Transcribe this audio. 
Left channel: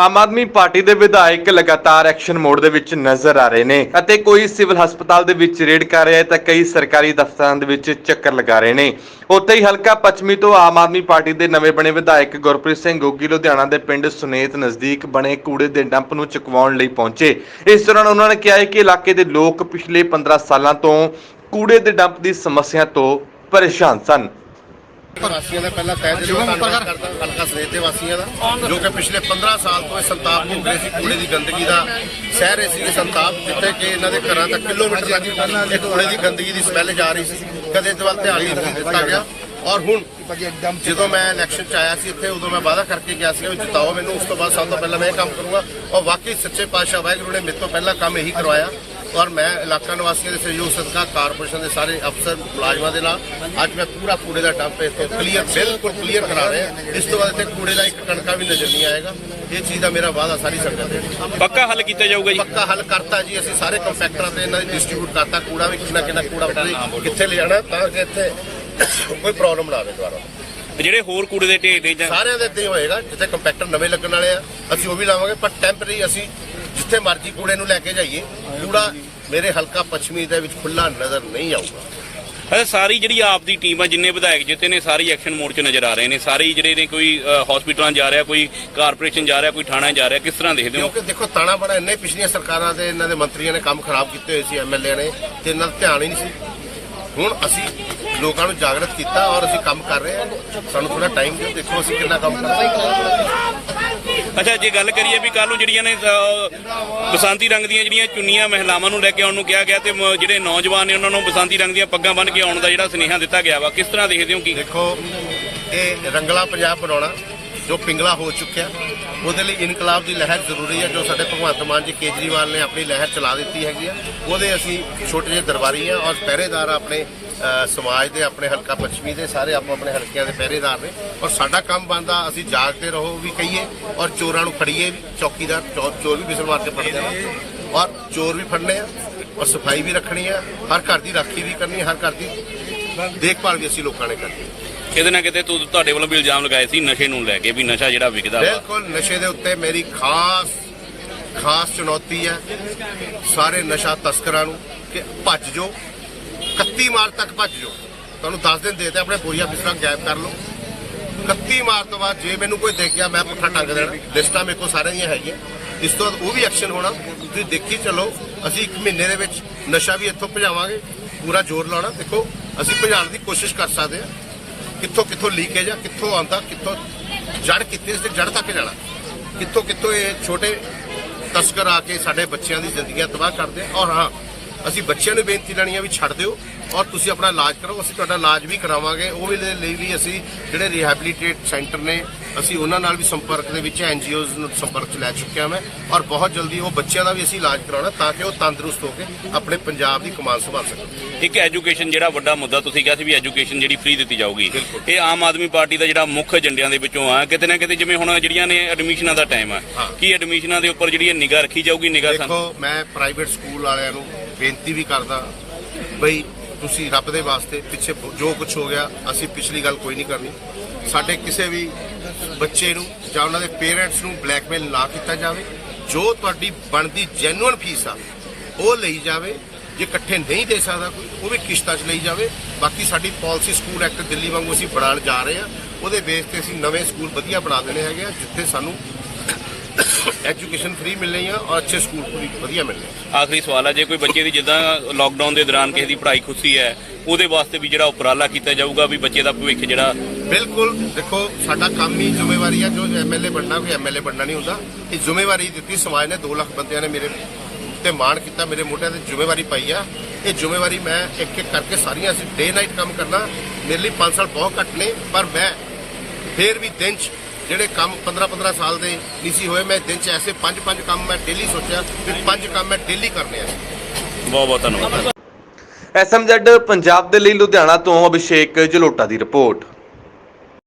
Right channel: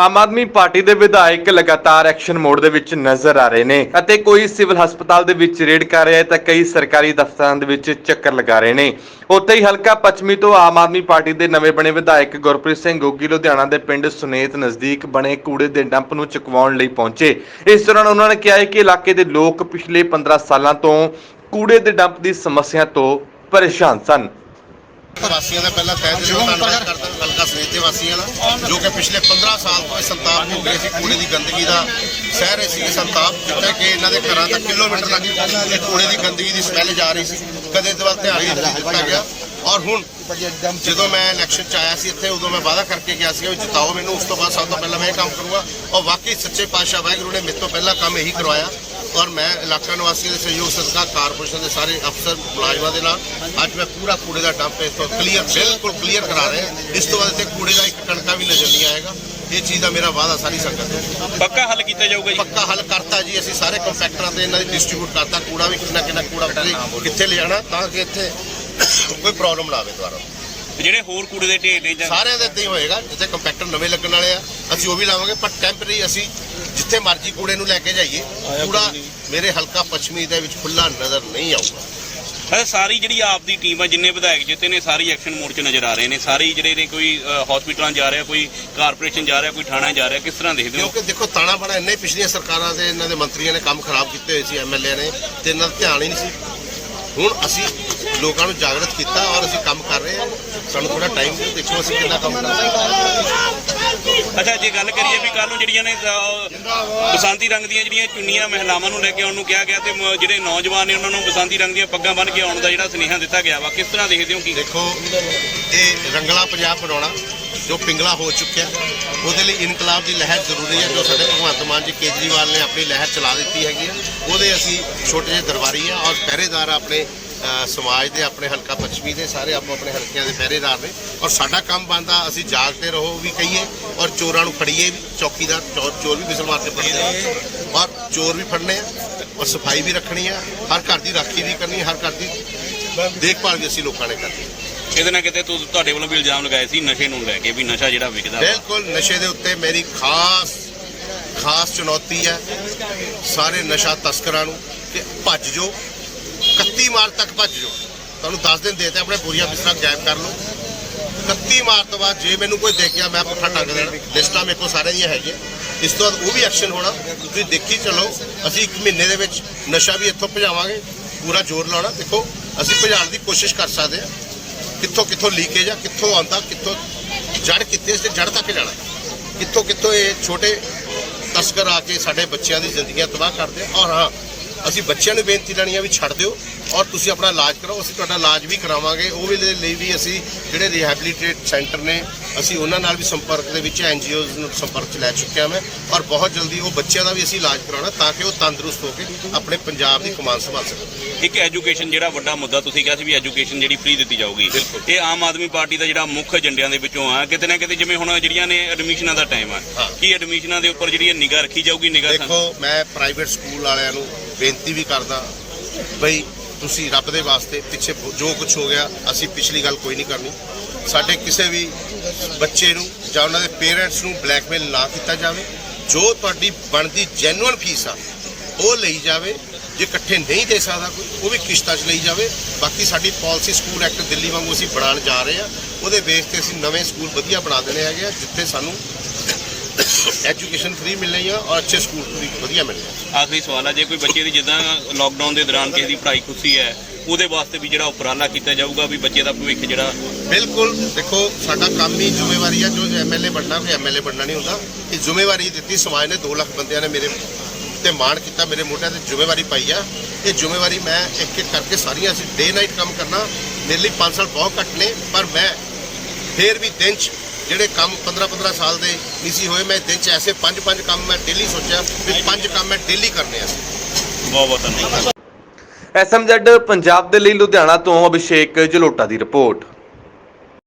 Aam Aadmi party ਦੇ ਵਿਧਾਇਕ ਲਗਾਤਾਰ ਐਕਸ਼ਨ ਮੋਡ ਦੇ ਵਿੱਚ ਨਜ਼ਰ ਆ ਰਹੇ ਨੇ ਅਤੇ ਕੋਈ ਸਿਵਲ ਹਸਪਤਾਲ ਦੇ ਵਿੱਚ ਰੇਡ ਕਰ ਰਿਹਾ ਹੈ ਤਾਂ ਕਈ ਸਰਕਾਰੀ ਦਫ਼ਤਰਾਂ ਦੇ ਵਿੱਚ ਚੱਕਰ ਲਗਾ ਰਹੇ ਨੇ। ਉੱਥੇ ਹੀ ਹਲਕਾ ਪੱਛਮੀ ਤੋਂ ਆਮ ਆਦਮੀ ਪਾਰਟੀ ਦੇ ਨਵੇਂ ਬਣੇ ਵਿਧਾਇਕ ਗੁਰਪ੍ਰੀਤ ਸਿੰਘ ਗੋਗੀ, ਲੁਧਿਆਣਾ ਦੇ ਪਿੰਡ ਸੁਨੇਤ ਨਜ਼ਦੀਕ ਬਣੇ ਕੂੜੇ ਦੇ ਡੰਪ ਨੂੰ ਚੁਕਵਾਉਣ ਲਈ ਪਹੁੰਚੇ। ਇਸ ਦੌਰਾਨ ਉਹਨਾਂ ਨੇ ਕਿਹਾ ਹੈ ਕਿ ਇਲਾਕੇ ਦੇ ਲੋਕ ਪਿਛਲੇ 15 ਸਾਲਾਂ ਤੋਂ ਕੂੜੇ ਦੇ ਡੰਪ ਦੀ ਸਮੱਸਿਆ ਤੋਂ ਪਰੇਸ਼ਾਨ ਸਨ। ਵਾਸੀਆਂ ਦਾ ਪਹਿਲਾਂ ਤਹਿ ਦਿਲੋਂ ਧੰਨਵਾਦ ਕਰਦਾ ਹਲਕਾ ਸਨੇਤ ਦੇ ਵਾਸੀਆਂ ਦਾ ਜੋ ਕਿ ਪਿਛਲੇ 15 ਸਾਲ ਤੋਂ ਇਹ ਸੰਤਾਪ ਭੋਗ ਰਹੇ ਸੀ ਕੂੜੇ ਦੀ ਗੰਦਗੀ ਦਾ ਸਹਿ ਰਹੇ ਸੀ ਸੰਤਾਪ ਜਿੱਥੇ ਕਿ ਇਹਨਾਂ ਦੇ ਘਰਾਂ ਤੱਕ ਕਿਲੋਮੀਟਰ ਤੱਕ ਇਹ ਕੂੜੇ ਦੀ ਗੰਦਗੀ ਦੀ ਸਮੈਲ ਜਾ ਰਹੀ ਸੀ ਕਦੇ ਇਸ ਵੱਲ ਧਿਆਨ ਨਹੀਂ ਦਿੱਤਾ ਗਿਆ। ਔਰ ਹੁਣ ਜਦੋਂ ਮੈਂ ਇਲੈਕਸ਼ਨ ਚ ਆਇਆ ਸੀ ਇੱਥੇ ਉਦੋਂ ਮੈਂ ਵਾਅਦਾ ਕਰਕੇ ਗਿਆ ਸੀ ਕਿ ਜਿਤਾਓ ਮੈਨੂੰ ਉਸ ਤੋਂ ਬਾਅਦ ਸਭ ਤੋਂ ਪਹਿਲਾਂ ਮੈਂ ਇਹ ਕੰਮ ਕਰੂੰਗਾ। ਔਰ ਵਾਕਈ ਸੱਚੇ ਪਾਤਸ਼ਾਹ ਵਾਹਿਗੁਰੂ ਨੇ ਮੇਰੇ ਤੋਂ ਪਹਿਲਾਂ ਕੰਮ ਇਹੀ ਕਰਵਾਇਆ। ਔਰ ਮੈਂ ਇਲਾਕਾ ਨਿਵਾਸੀਆਂ ਦੇ ਸਹਿਯੋਗ ਸਦਕਾ ਕਾਰਪੋਰੇਸ਼ਨ ਦੇ ਸਾਰੇ ਅਫਸਰ ਮੁਲਾਜ਼ਮਾਂ ਦੇ ਨਾਲ ਅੱਜ ਮੈਂ ਪੂਰਾ ਕੂੜੇ ਦਾ ਡੰਪ ਇਸ ਤੋਂ ਕਲੀਅਰ ਬਿਲਕੁਲ ਕਲੀਅਰ ਕਰਾ ਰਿਹਾ। ਇਸ ਤੋਂ ਬਾਅਦ ਇੱਥੇ ਕੂੜੇ ਦਾ ਇੱਕ ਕਣਕਾ ਵੀ ਨਜ਼ਰ ਨਹੀਂ ਆਏਗਾ। ਇਹ ਚੀਜ਼ ਦਾ ਮੇਰਾ ਵਾਅਦਾ ਸਾਰੀ ਸੰਗਤ ਦੇ ਪੱਕਾ ਹੱਲ ਕੀਤਾ ਜਾਊਗਾ ਜੀ? ਪੱਕਾ ਹੱਲ ਕਰਤਾ ਜੀ। ਅਸੀਂ ਸਾਰੇ ਕੰਪੈਕਟਰਾਂ ਤੇ ਇਹਨਾਂ ਦੀ ਡਿਸਟ੍ਰੀਬਿਊਟ ਕਰਤਾ। ਕੂੜਾ ਵੀ ਕਿੰਨਾ ਕਿੰਨਾ ਕੂੜਾ ਕਿੱਥੇ- ਕਿੱਥੇ ਲਿਜਾਣਾ ਤਾਂ ਕਿ ਇੱਥੇ ਕੋਈ ਪ੍ਰੋਬਲਮ ਨਾ ਆਵੇ ਦੁਬਾਰਾ। ਜਿਹੜੇ ਹੋਰ ਕੂੜੇ ਦੇ ਢੇਰ ਨੇ ਜਾਂ ਸਾਰਿਆਂ ਦੇ ਇੱਦਾਂ ਹੀ ਹੋਏਗਾ। ਜਿੱਥੇ ਕੰਪੈਕਟਰ ਨਵੇਂ ਲੱਗਣ ਵਾਲੇ ਆ ਅਸੀਂ ਉਹ ਵੀ ਲਾਵਾਂਗੇ। ਪਰ ਟੈਂਪਰੇਰੀ ਅਸੀਂ ਜਿੱਥੇ ਮਰਜ਼ੀ ਕੂੜੇ ਨੂੰ ਲੈ ਕੇ ਜਾਈਏ ਕੂੜਾ ਮੇਰੇ ਹਲਕਾ ਪੱਛਮੀ ਦੇ ਵਿੱਚ ਖੁੱਲਾ ਨਜ਼ਰ ਨਹੀਂ ਆਊਗਾ। ਅੱਛਾ ਸਾਰੀ ਜਿਹੜੀ ਆਪ ਦੀ ਟੀਮ ਆ ਜਿੰਨੇ ਵਿਧਾਇਕ ਜਿੱਤੇ ਨੇ ਸਾਰੀ ਐਕਸ਼ਨ ਮੋਡ 'ਚ ਨਜ਼ਰ ਆ ਰਹੇ ਨੇ। ਸਾਰੇ ਜਿਹੜੇ ਨੇ ਕੋਈ ਹਸਪੀਟਲਾਂ ਜਾ ਰਿਹਾ ਕੋਈ ਕਾਰਪੋਰੇਸ਼ਨ ਜਾ ਰਿਹਾ ਕੋਈ ਥਾਣਾ ਜਾ ਰਿਹਾ ਕਿਸ ਤਰ੍ਹਾਂ ਦੇਖਦੇ ਹੋ? ਕਿਉਂਕਿ ਦੇਖੋ ਤਾਣਾ ਬਣਾ ਇੰਨੇ ਪਿਛਲੀਆਂ ਸਰਕਾਰਾਂ ਦੇ ਇਹਨਾਂ ਦੇ ਮੰਤਰੀਆਂ ਨੇ ਕੰਮ ਖਰਾਬ ਕੀਤੇ ਹੋਏ ਸੀ ਐਮਐਲਏ ਨੇ ਤੇ ਇਹਨਾਂ ਦਾ ਧਿਆਨ ਹੀ ਨਹੀਂ ਸੀ। ਹੁਣ ਅਸੀਂ ਲੋਕਾਂ ਨੂੰ ਜਾਗਰਤ ਕੀਤਾ ਔਰ ਅਸੀਂ ਕੰਮ ਕਰ ਰਹੇ ਹਾਂ। ਸਾਨੂੰ ਥੋੜਾ ਟਾਈਮ ਦਿਓ ਦੇਖੋ ਅਸੀਂ ਕਿੰਨਾ ਕੰਮ ਕਰ ਰਹੇ ਹਾਂ। ਅੱਛਾ ਜੇ ਗੱਲ ਕਰੀਏ ਵੀ ਕੱਲ ਨੂੰ ਜਿਹੜੀਆਂ ਨੇ ਅਹ, ਬਸੰਤੀ ਰੰਗ ਦੀਆਂ ਜਿਹੜੀਆਂ ਚੁੰਨੀਆਂ ਮਹਿਲਾਵਾਂ ਨੂੰ ਲੈ ਕੇ ਆਉਣ ਨੂੰ ਕਿਹਾ ਗਿਆ ਤੇ ਮ- ਜਿਹੜੇ ਨੌਜਵਾਨ ਨੇ ਉਹਨਾਂ ਨੂੰ ਬਸੰਤੀ ਰੰਗ ਦੀਆਂ ਪੱਗਾਂ ਬੰਨ੍ਹ ਕੇ ਆਉਣ ਦਾ ਜਿਹੜਾ ਸੁਨੇਹਾ ਦਿੱਤਾ ਗਿਆ ਵਾ ਕਿਸ ਤਰ੍ਹਾਂ ਦੇਖਦੇ ਹੋ ਕੀ? ਦੇਖੋ ਇਹ ਰੰਗਲਾ ਪੰਜਾਬ ਬਣਾਉਣਾ ਜੋ ਪਿੰਗਲਾ ਹੋ ਚੁੱਕਿਆ ਉਹਦੇ ਲਈ ਇਨਕਲਾਬ ਦੀ ਲਹਿਰ ਜ਼ਰੂਰੀ ਹੈ ਜੋ ਸਾਡੇ ਭਗਵੰਤ ਮਾਨ ਜੀ ਕੇਜਰੀਵਾਲ ਨੇ ਆਪਣੀ ਲਹਿਰ ਚਲਾ ਦਿੱਤੀ ਹੈਗੀ ਆ। ਉਹਦੇ ਅਸੀਂ ਛੋਟੇ ਜਿਹੇ ਦਰਬਾਰੀ ਆ ਔਰ ਪਹਿਰੇਦਾਰ ਆਪਣੇ ਸਮਾਜ ਦੇ ਆਪਣੇ ਹਲਕਾ ਪੱਛਮੀ ਦੇ ਸਾਰੇ ਆਪੋ ਆਪਣੇ ਹਲਕਿਆਂ ਦੇ ਪਹਿਰੇਦਾਰ ਨੇ ਔਰ ਸਾਡਾ ਕੰਮ ਬਣਦਾ ਅਸੀਂ ਜਾਗਦੇ ਰਹੋ ਵੀ ਕਹੀਏ ਔਰ ਚੋਰਾਂ ਨੂੰ ਫੜੀਏ ਵੀ ਚੌਕੀਦਾਰ ਚੋਰ ਵੀ ਮਿਸਲ ਮਾਰ ਕੇ ਫੜਦੇ ਆ ਔਰ ਚੋਰ ਵੀ ਫੜਨੇ ਆ ਔਰ ਸਫ਼ਾਈ ਵੀ ਰੱਖਣੀ ਆ ਹਰ ਘਰ ਦੀ ਰਾਖੀ ਵੀ ਕਰਨੀ ਹਰ ਘਰ ਦੀ ਦੇਖਭਾਲ ਵੀ ਅਸੀਂ ਲੋਕਾਂ ਨੇ ਕਰਨੀ ਕਿਤੇ ਨਾ ਕਿਤੇ ਤੁ- ਤੁਹਾਡੇ ਵੱਲੋਂ ਵੀ ਇਲਜ਼ਾਮ ਲਗਾਏ ਸੀ ਨਸ਼ੇ ਨੂੰ ਲੈ ਕੇ ਵੀ ਨਸ਼ਾ ਜਿਹੜਾ ਵਿਕਦਾ। ਬਿਲਕੁਲ ਨਸ਼ੇ ਦੇ ਉੱਤੇ ਮੇਰੀ ਖਾਸ ਖਾਸ ਚੁਣੌਤੀ ਹੈ ਸਾਰੇ ਨਸ਼ਾ ਤਸਕਰਾਂ ਨੂੰ ਕਿ ਭੱਜ ਜੋ। 31 ਮਾਰਚ ਤੱਕ ਭੱਜ ਜਾਓ। ਤੁਹਾਨੂੰ 10 ਦਿਨ ਦੇ ਤੇ ਆਪਣੇ ਬੋਰੀਆ ਬਿਸਤਰਾ ਗਾਇਬ ਕਰ ਲਓ। 31 ਮਾਰਚ ਤੋਂ ਬਾਅਦ ਜੇ ਮੈਨੂੰ ਕੋਈ ਦੇਖਿਆ, ਮੈਂ ਪੁੱਠਾ ਟੰਗ ਦੇਣਾ। ਲਿਸਟਾਂ ਮੇਰੇ ਕੋਲ ਸਾਰਿਆਂ ਦੀਆਂ ਹੈਗੀਆਂ। ਇਸ ਤੋਂ ਬਾਅਦ ਉਹ ਵੀ ਐਕਸ਼ਨ ਹੋਣਾ। ਤੁਸੀਂ ਦੇਖੀ ਚਲੋ, ਅਸੀਂ ਇੱਕ ਮਹੀਨੇ ਦੇ ਵਿੱਚ ਨਸ਼ਾ ਵੀ ਇੱਥੋਂ ਭਜਾਵਾਂਗੇ। ਪੂਰਾ ਜ਼ੋਰ ਲਾਉਣਾ। ਦੇਖੋ, ਅਸੀਂ ਭਜਾਉਣ ਦੀ ਕੋਸ਼ਿਸ਼ ਕਰ ਸਕਦੇ ਹਾਂ। ਕਿੱਥੋਂ ਕਿੱਥੋਂ ਲੀਕੇਜ ਆ, ਕਿੱਥੋਂ ਆਉਂਦਾ, ਕਿੱਥੋਂ ਜੜ ਕਿੱਥੇ ਤੇ ਜੜ ਤੱਕ ਜਾਣਾ। ਕਿੱਥੋਂ ਕਿੱਥੋਂ ਇਹ ਛੋਟੇ ਤਸਕਰ ਆ ਕੇ ਸਾਡੇ ਬੱਚਿਆਂ ਦੀ ਜ਼ਿੰਦਗੀਆਂ ਤਬਾਹ ਕਰਦੇ ਆ। ਔਰ ਹਾਂ ਅਸੀਂ ਬੱਚਿਆਂ ਨੂੰ ਬੇਨਤੀ ਲੈਣੀ ਆ ਵੀ ਛੱਡ ਦਿਓ ਔਰ ਤੁਸੀਂ ਆਪਣਾ ਇਲਾਜ ਕਰੋ ਅਸੀਂ ਤੁਹਾਡਾ ਇਲਾਜ ਵੀ ਕਰਾਵਾਂਗੇ। ਉਹ ਵੀ ਦੇ ਲਈ ਵੀ ਅਸੀਂ ਜਿਹੜੇ ਰਿਹੈਬਿਲਿਟੇਟ ਸੈਂਟਰ ਨੇ ਅਸੀਂ ਉਹਨਾਂ ਨਾਲ ਵੀ ਸੰਪਰਕ ਦੇ ਵਿੱਚ ਐਨਜੀਓਜ਼ ਨੂੰ ਸੰਪਰਕ 'ਚ ਲੈ ਚੁੱਕਿਆ ਮੈਂ ਔਰ ਬਹੁਤ ਜਲਦੀ ਉਹ ਬੱਚਿਆਂ ਦਾ ਵੀ ਅਸੀਂ ਇਲਾਜ ਕਰਾਉਣਾ ਤਾਂ ਕਿ ਉਹ ਤੰਦਰੁਸਤ ਹੋ ਕੇ ਆਪਣੇ ਪੰਜਾਬ ਦੀ ਕਮਾਨ ਸੰਭਾਲ ਸਕਣ। ਇੱਕ ਐਜੂਕੇਸ਼ਨ ਜਿਹੜਾ ਵੱਡਾ ਮੁੱਦਾ ਤੁਸੀਂ ਕਿਹਾ ਸੀ ਵੀ ਐਜੂਕੇਸ਼ਨ ਜਿਹੜੀ ਫ੍ਰੀ ਦਿੱਤੀ ਜਾਊਗੀ। ਇਹ ਆਮ ਆਦਮੀ ਪਾਰਟੀ ਦਾ ਜਿਹੜਾ ਮੁੱਖ ਏਜੰਡਿਆਂ ਦੇ ਵਿੱਚੋਂ ਆ। ਕਿਤੇ ਨਾ ਕਿਤੇ ਜਿਵੇਂ ਹੁਣ ਜਿਹੜੀਆਂ ਨੇ ਐਡਮਿਸ਼ਨਾਂ ਦਾ ਟਾਈਮ ਆ। ਕੀ ਐਡਮਿਸ਼ਨਾਂ ਦੇ ਉੱਪਰ ਜਿਹੜੀ ਨਿਗਾਹ ਰੱਖੀ ਜਾਊਗੀ ਨਿਗਾਹ ਦੇਖੋ ਮੈਂ ਪ੍ਰਾਈਵੇਟ ਸਕੂਲ ਵਾਲਿਆਂ ਨੂੰ ਬੇਨਤੀ ਵੀ ਕਰਦਾ ਬਈ ਤੁਸੀਂ ਰੱਬ ਦੇ ਵਾਸਤੇ ਪਿੱਛੇ ਜੋ ਕੁਝ ਹੋ ਗਿਆ, ਅਸੀਂ ਪਿਛਲੀ ਗੱਲ ਕੋਈ ਨਹੀਂ ਕਰਨੀ। ਸਾਡੇ ਕਿਸੇ ਵੀ ਬੱਚੇ ਨੂੰ ਜਾਂ ਉਹਨਾਂ ਦੇ ਪੇਰੈਂਟਸ ਨੂੰ ਬਲੈਕਮੇਲ ਨਾ ਕੀਤਾ ਜਾਵੇ, ਜੋ ਤੁਹਾਡੀ ਬਣਦੀ ਜੈਨੂਅਨ ਫੀਸ ਆ, ਉਹ ਲਈ ਜਾਵੇ, ਜੇ ਇਕੱਠੇ ਨਹੀਂ ਦੇ ਸਕਦਾ ਕੋਈ, ਉਹ ਵੀ ਕਿਸ਼ਤਾਂ 'ਚ ਲਈ ਜਾਵੇ। ਬਾਕੀ ਸਾਡੀ ਪਾਲਿਸੀ ਸਕੂਲ ਐਕਟ ਦਿੱਲੀ ਵਾਂਗੂ ਅਸੀਂ ਬਣਾਉਣ ਜਾ ਰਹੇ ਆ, ਉਹਦੇ ਬੇਸ ਤੇ ਅਸੀਂ ਨਵੇਂ ਸਕੂਲ ਵਧੀਆ ਬਣਾ ਦੇਣੇ ਹੈਗੇ ਆ, ਜਿੱਥੇ ਸਾਨੂੰ ਐਜੂਕੇਸ਼ਨ ਫ੍ਰੀ ਮਿਲਣੀ ਆ ਔਰ ਅੱਛੇ ਸਕੂਲ ਪੂਰੀ ਵਧੀਆ ਮਿਲਣੇ ਆ। ਆਖਰੀ ਸਵਾਲ ਆ ਜੇ ਕੋਈ ਬੱਚੇ ਦੀ ਜਿੱਦਾਂ ਲਾਕਡਾਊਨ ਦੇ ਦੌਰਾਨ ਕਿਸੇ ਦੀ ਪੜ੍ਹਾਈ ਖੁੱਸੀ ਹੈ ਉਹਦੇ ਵਾਸਤੇ ਵੀ ਜਿਹੜਾ ਉਪਰਾਲਾ ਕੀਤਾ ਜਾਊਗਾ ਵੀ ਬੱਚੇ ਦਾ ਭਵਿੱਖ ਜਿਹੜਾ ਬਿਲਕੁਲ ਦੇਖੋ ਸਾਡਾ ਕੰਮ ਹੀ ਜ਼ਿੰਮੇਵਾਰੀ ਆ ਜੋ ਐਮਐਲਏ ਬਣਨਾ ਕੋਈ ਐਮਐਲਏ ਬਣਨਾ ਨਹੀਂ ਹੁੰਦਾ। ਇਹ ਜ਼ਿੰਮੇਵਾਰੀ ਦਿੱਤੀ ਸਮਾਜ ਨੇ 2 ਲੱਖ ਬੰਦਿਆਂ ਨੇ ਮੇਰੇ ਤੇ ਮਾਣ ਕੀਤਾ ਮੇਰੇ ਮੋਢਿਆਂ ਤੇ ਜ਼ਿੰਮੇਵਾਰੀ ਪਾਈ ਆ। ਇਹ ਜ਼ਿੰਮੇਵਾਰੀ ਮੈਂ ਇੱਕ ਇੱਕ ਕਰਕੇ ਸਾਰੀਆਂ ਅਸੀਂ ਡੇ ਨਾਈਟ ਕੰਮ ਕਰਨਾ ਮੇਰੇ ਲਈ 5 ਸਾਲ ਬਹੁਤ ਘੱਟ ਨੇ ਪਰ ਮੈਂ ਫੇਰ ਵੀ ਦਿਨ 'ਚ ਜਿਹੜੇ ਕੰਮ 15 15 ਸਾਲ ਦੇ ਨਹੀਂ ਸੀ ਹੋਏ ਮੈਂ ਦਿਨ 'ਚ ਐਸੇ 5 5 ਕੰਮ ਮੈਂ ਡੇਲੀ ਸੋਚਿਆ ਵੀ 5 ਕੰਮ ਮੈਂ ਡੇਲੀ ਕਰਨੇ ਆ। ਬਹੁਤ ਬਹੁਤ ਧੰਨਵਾਦ। ਐਸਐਮਜ਼ੈਡ ਪੰਜਾਬ ਦੇ ਲਈ ਲੁਧਿਆਣਾ ਤੋਂ ਅਭਿਸ਼ੇਕ ਜਲੋਟਾ ਦੀ ਰਿਪੋਰਟ।